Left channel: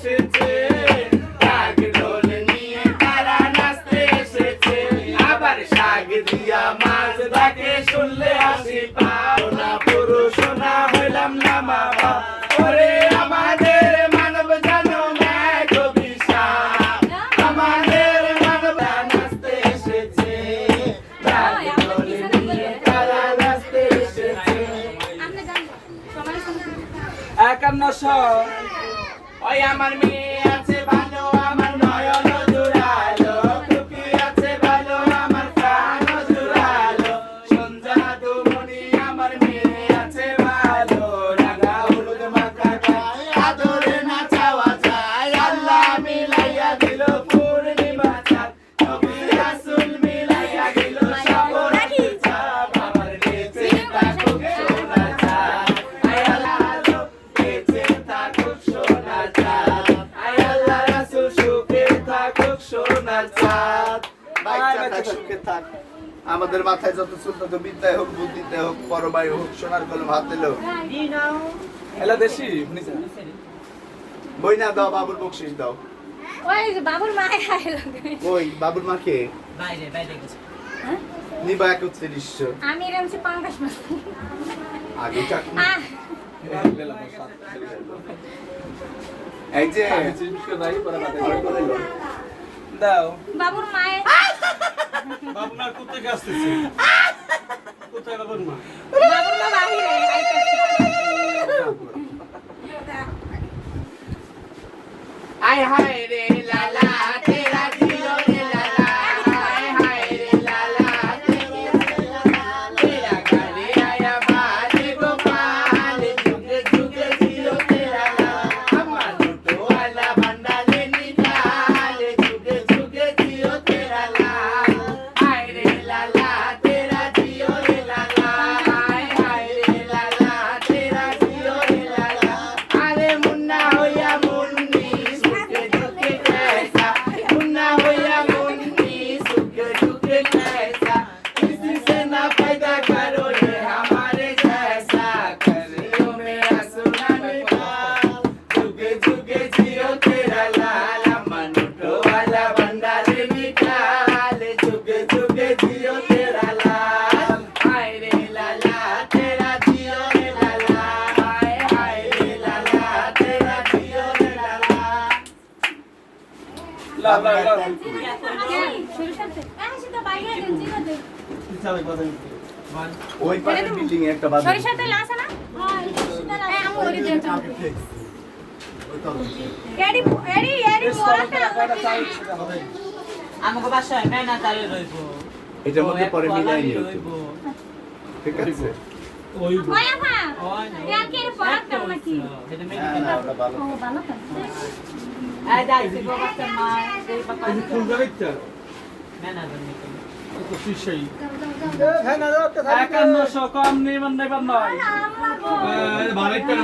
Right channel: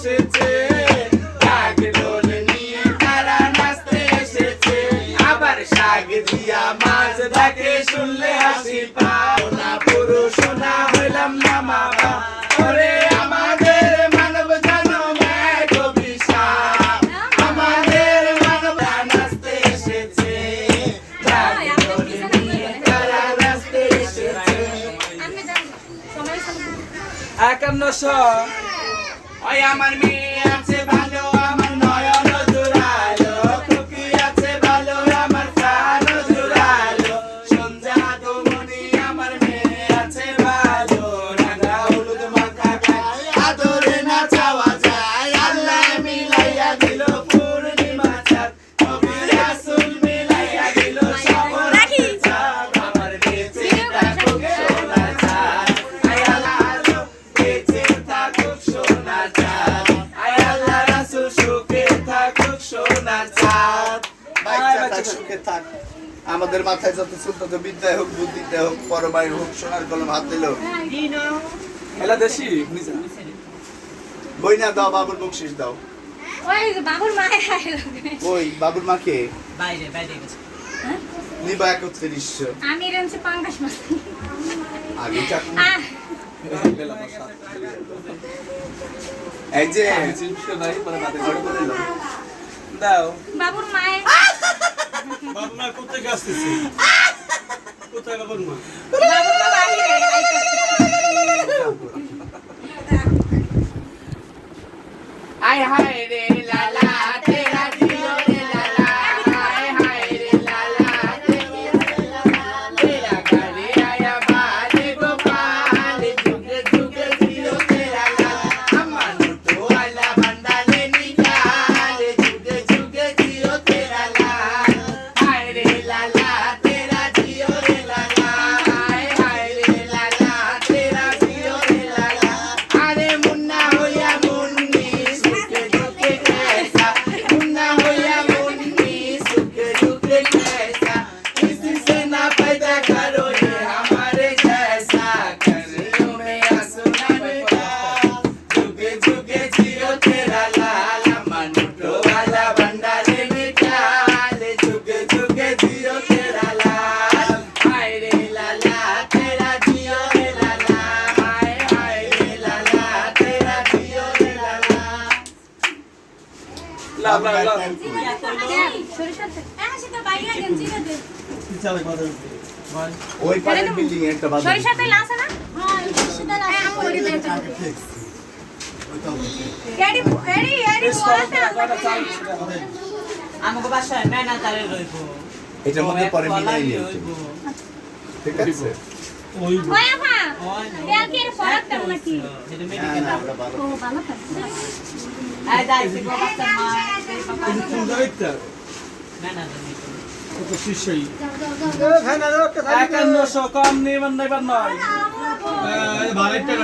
এসেছে, ঢাক ঢোল নিয়ে তারা নাচতে এসেছে। আবার শাক দিয়া মাছ ডাকে শুনলে হাসি পাও না, পুরুষ না হইলাম না মা বাবা। ওরে আমাদের মানব জনম এক অভিশাপ, আমাদের মানব নাচতে এসেছে, ঢাক ঢোল নিয়ে তারা নাচতে এসেছে। 5100 ওই আমার মেয়ে আছে ভালো, আমার নয়ন জুড়ালো, খুকি আছে ভালো, আমার প্রাণ জুড়ালো, সন্ধ্যা দুমনি আমার মেয়ে আছে ভালো, রাঙা হলুদ মাথা গায়ে আদরে না চাওয়া যায়, আল্লাহ মিলাইয়া দিল পূর্ণিমা চাঁদ, নবী রাসূল মিলাইয়া দিল শ্রাবণ চাঁদ, আমার বেঁচে থাকুক সোনা চাঁদ, আয় আল্লাহ বেঁচে থাকুক সোনা চাঁদ, আয় আল্লাহ রাসূল সুখে থাকুক সোনা চাঁদ। বাচ্চা সুখে থাক। আমাদের মাথায় যত চুল তত বিদ্যায় হোক, বুদ্ধিতে হোক, পরমায় হোক, সোনার কলম হাতে লোক। এলা দেশি নিচে বই না দাও, বাবুর বকশিস দাও। ওই যে বাবুর মা ওই বাবুর মাকে বাইরে বাইরে গেছে। নিবা 3100। আমি রেঞ্চে 50 মাস আগে চাকরি বেলা বসাত এই যে চিনতে নাই পরে হাতে করে করে দাও। দাও। বাবুর মায়ে বাবু মা কোথায় আসতেছে? কোথায় বাবুর মা? বাবুর মা বাহিরে আইতেছে। आय हाय रे लाला तेरा दियो रे लाला, आय हाय रे लाला तेरा घरे आया बाल गोपाल, जुग जुग दियो तेरा लाला, अमन तो वाला भंडारे निकाल, जुग जुग दियो तेरा लाल, हाय रे लाला तेरा दियो रे लाला, आय हाय रे लाला तेरा दियो रे लाला, अरे मुन्ना होया मुन्नी सुख दुख कैसा, मुन्ना होया मुन्नी सुख दुख कैसा, किसी से ना पैदा करो ये हमारे जैसा, करियो में आंसू ना निकाल, जुगे जुगे जियो तेरा लाल, मनुष्य वाला भंडारे निकाल, जुगे जुगे जियो तेरा लाल, हाय रे लाला तेरा जियो रे लाला, हाय रे लाला तेरा जियो रे लाला। ला ला ला সরিষাতে এসে তো বাইরে গেঞ্জি না দে চালে বাদে। ওই পারের বিল্ডিং একটা বাদ দাও। সরিষাতে লাসা না হ্যাঁ ওরি দেন এডি এডি এডি আমাকে বাসায় মেনা তারে রইব। এটার মধ্যে পরে মিলাই নিও তুমি। ঠিক আছে? ওই ওয়া মা ওই না। এর কি ফরাক কেমন নাকি এটা হ্যাঁ, মেডিকেল। হ্যাঁ, ওটা ভালো। ও ভালো খাই আই যাইছে গো বাচ্চা মা এই কোন কোন জায়গায় তে? মেনা দেন। তো শিশাই। 5100 কম নেবেন না এবার নয়। বাড়িটা